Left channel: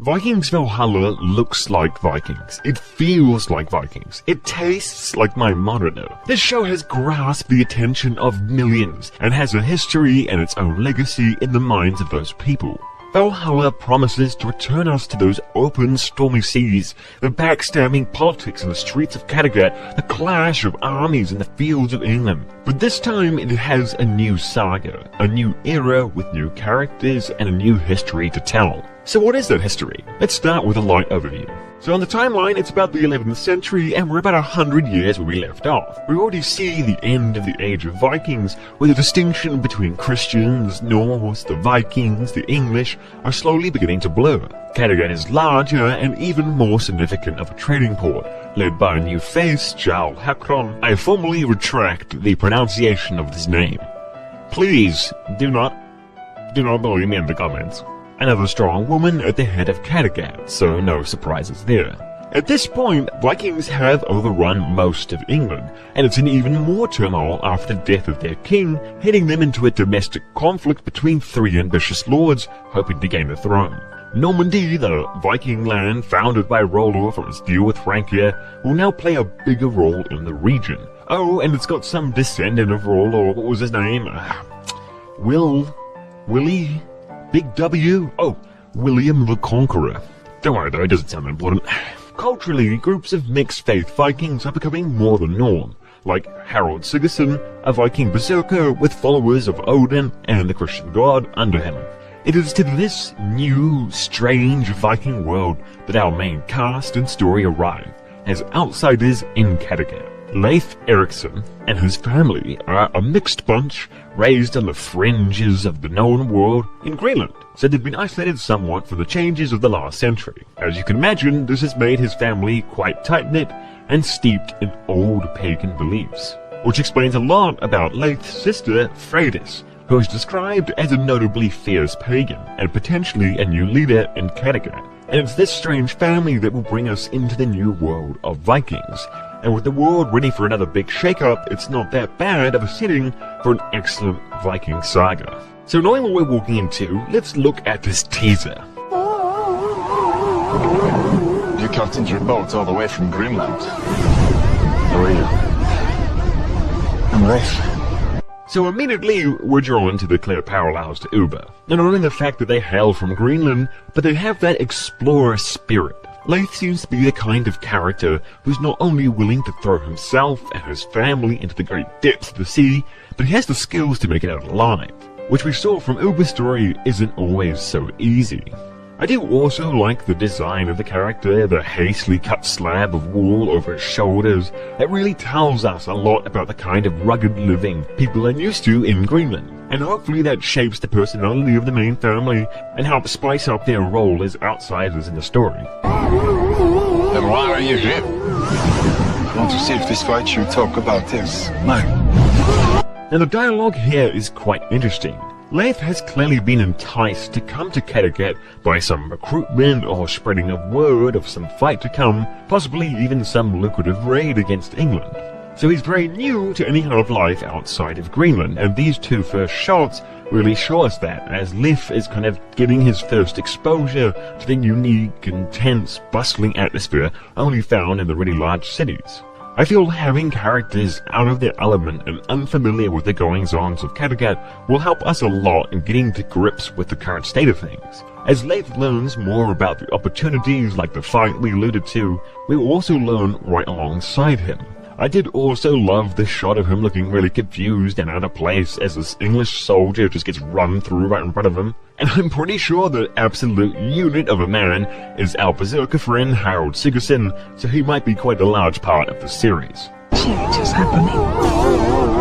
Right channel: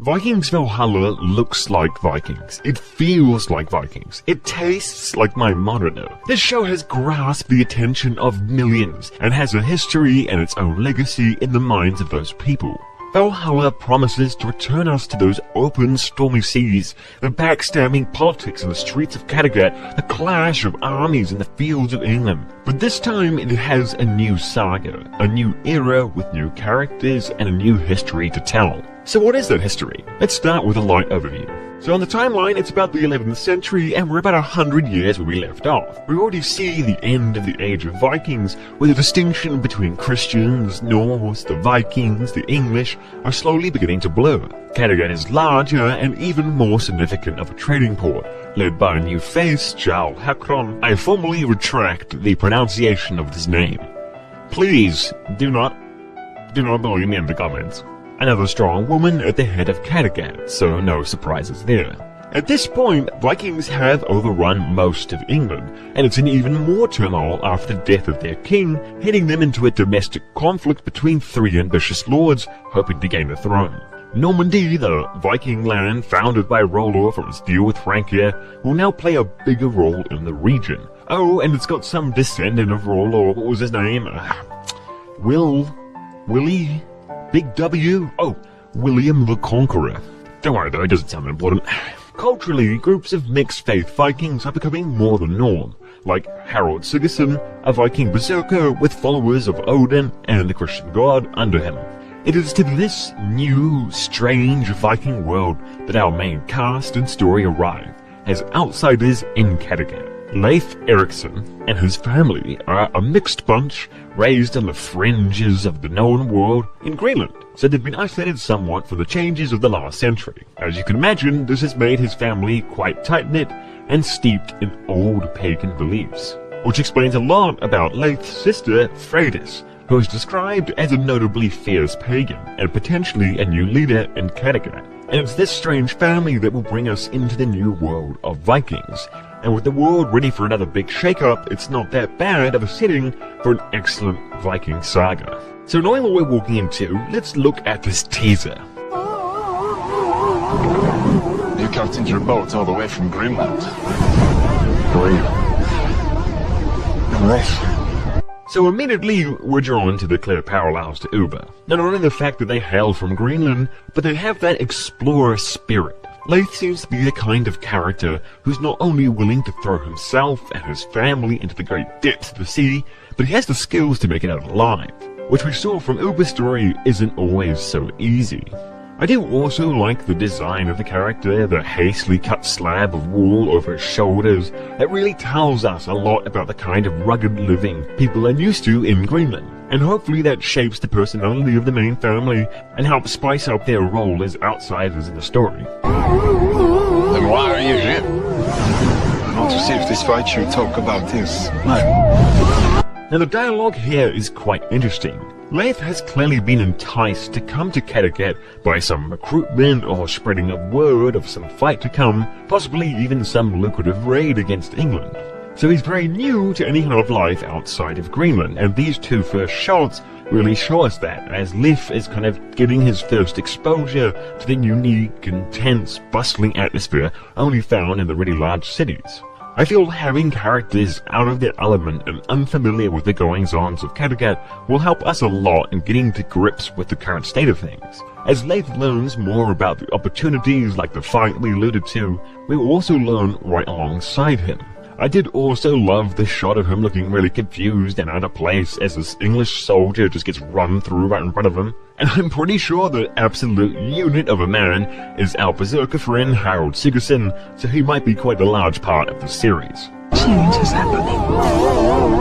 Vikings Valhalla looks like Vikings. It feels like Vikings. It tastes like my monitor. This show has grasped the attention of millions and has a history and its own legacy in the minds of those people. Valhalla promises to return us to those open, stormy seas, the backstabbing politics in the streets of Kattegat, the clash of armies in the fields of England. But this time it has a new saga, a new era with new characters and a new history to tell. So what is that history? Let's start with a light overview. So on the timeline, it's about the 11th century, and we're about 100 years where we left off. We already see the end of the Age of Vikings, where the distinction between Christians, Norse, the Vikings, the English are slowly beginning to blur. Kattegat is larger and even more significant of a trading port, led by a new face, Jarl Hakon. I formally retract the pronunciation of this name. Please, do not bully me in the comments. Another strong woman at the head of Kattegat, so no surprises there. At this point, Vikings have overrun most of England, and it's in even more turmoil after the death of their king, heading them into a domestic conflict between three ambitious lords hoping to gain the throne. Normandy, the Viking land founded by Rollo from its deal with Francia, will now play a bigger role in the region. Oh, and it's got some descendant of Rollo. What was his name? Willie? Big W? Oh, William the Conqueror. Don't worry though, it doesn't sound important. Culturally, groups of mixed-faith Vikings are becoming more the norm, like Harald Sigurdsson, a Viking berserker with followers of Odin and the Christian god under him. It is to this new, strange Viking world that our main cast and story arrive, as outsiders in Kattegat. Leif Erikson and his family are a mixed bunch raised on the fringes of the known world in Greenland, so they've been isolated somewhat from the changes of the last century. As you can imagine, this has made his family quite tight-knit and steeped in old pagan beliefs, which explains a lot about Leif's sister, Freydis, who is described as a notably fierce pagan and potentially a new leader in Kattegat. And it's this strange family that will bring us into the new world of Vikings. And with the world ready for another big shake-up, it's not that bad of a setting for an excellent Viking saga. So knowing what we're walking into, let's look at this teaser. You captained your boat all the way from Greenland. How are you? I'm right. So immediately we're drawn to the clear parallels to Uber. Not only the fact that they hail from Greenland, but they have that explorer spirit. Leif seems to be the kind of character who's not only willing to throw himself and his family into the great depths of the sea, but he has the skills to make it out alive, which we saw from Uber's story isn't always so easy. I do also like the design of the character, the hastily cut slab of wool over his shoulders. That really tells us a lot about the kind of rugged living people are used to in Greenland. And hopefully that shapes the personality of the main family and helps spice up their role as outsiders in the story. Then why are you here? I want to see if this fight you talk about is mine. Now the dialogue here is quite interesting. Leif has clearly been enticed to come to Kattegat by some recruitment or spreading of word of some fight to come, possibly even some lucrative raid against England. So he's very new to any kind of life outside of Greenland, and these two first shots really show us that, as Leif is kind of getting his first exposure to the unique, intense, bustling atmosphere only found in the really large cities. I feel having characters out of their element and unfamiliar with the goings-ons of Kattegat will help us a lot in getting to grips with the current state of things. As Leif learns more about the opportunities like the fight we alluded to, we will also learn right alongside him. I did also love the shot of him looking really confused and out of place as this English soldier just gets run through right in front of him. And I'm pretty sure the absolute unit of a man is our berserker friend Harald Sigurdsson, so he might be quite a large part of the series. Change is happening,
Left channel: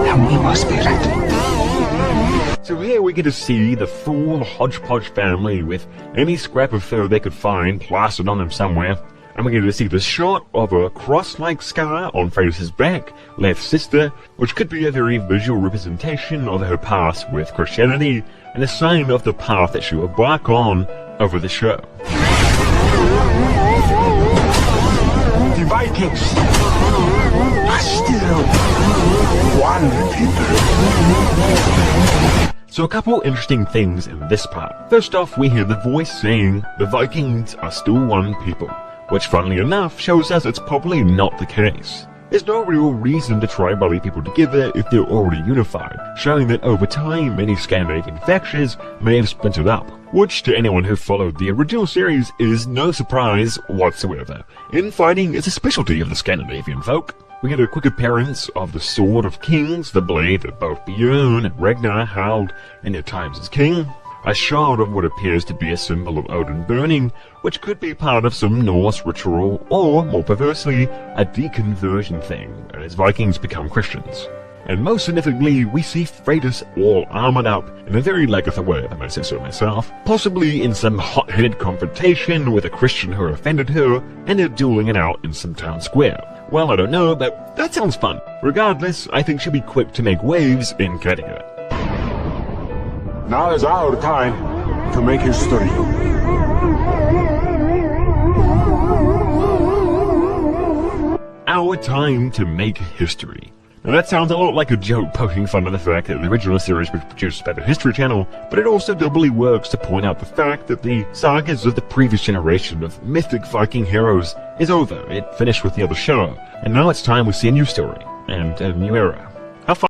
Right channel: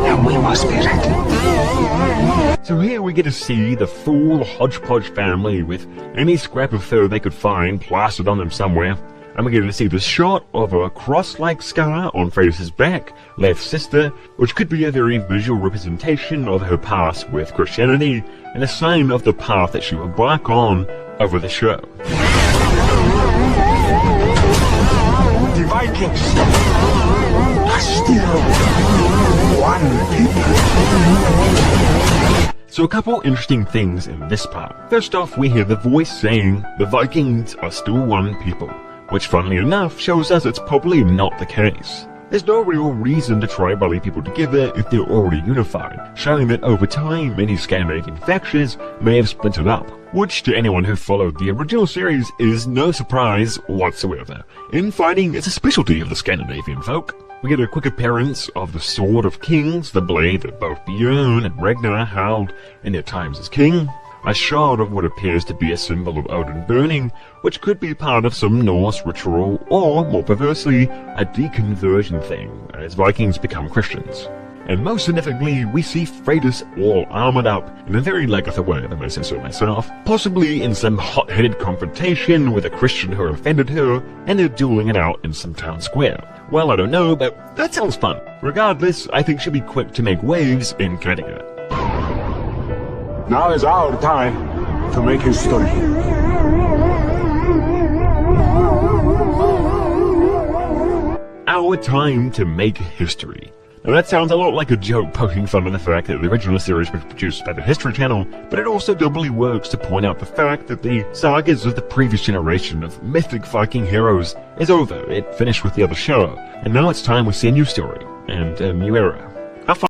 and we must be ready. So here we get to see the full hodgepodge family with any scrap of fur they could find plastered on them somewhere. And we get to see the shot of a cross-like scar on Freydis' back, Leif's sister, which could be a very visual representation of her past with Christianity, and a sign of the path that she will embark on over the show. The Vikings are still wild people. So a couple interesting things in this part. First off, we hear the voice saying the Vikings are still one people, which funnily enough shows us it's probably not the case. There's no real reason to try rally people together if they're already unified, showing that over time many Scandinavian factions may have splintered up, which to anyone who followed the original series is no surprise whatsoever. Infighting is a specialty of the Scandinavian folk. We get a quick appearance of the Sword of Kings, the blade that both Björn and Ragnar held in their times as king, a shard of what appears to be a symbol of Odin burning, which could be part of some Norse ritual, or, more perversely, a deconversion thing, as Vikings become Christians. And most significantly, we see Freydis all armored up, in a very Lagertha way if I may say so myself, possibly in some hot-headed confrontation with a Christian who offended her, and they're dueling it out in some town square. Well, I don't know, but that sounds fun. Regardless, I think she'll be quick to make waves in Kattegat. Now is our time to make history. Our time to make history. Now that sounds a lot like a joke poking fun at the fact that the original series was produced by the History Channel, but it also doubly works to point out the fact that the sagas of the previous generation of mythic Viking heroes is over. It finished with the other show, and now it's time we see a new story and a new era. Have fun.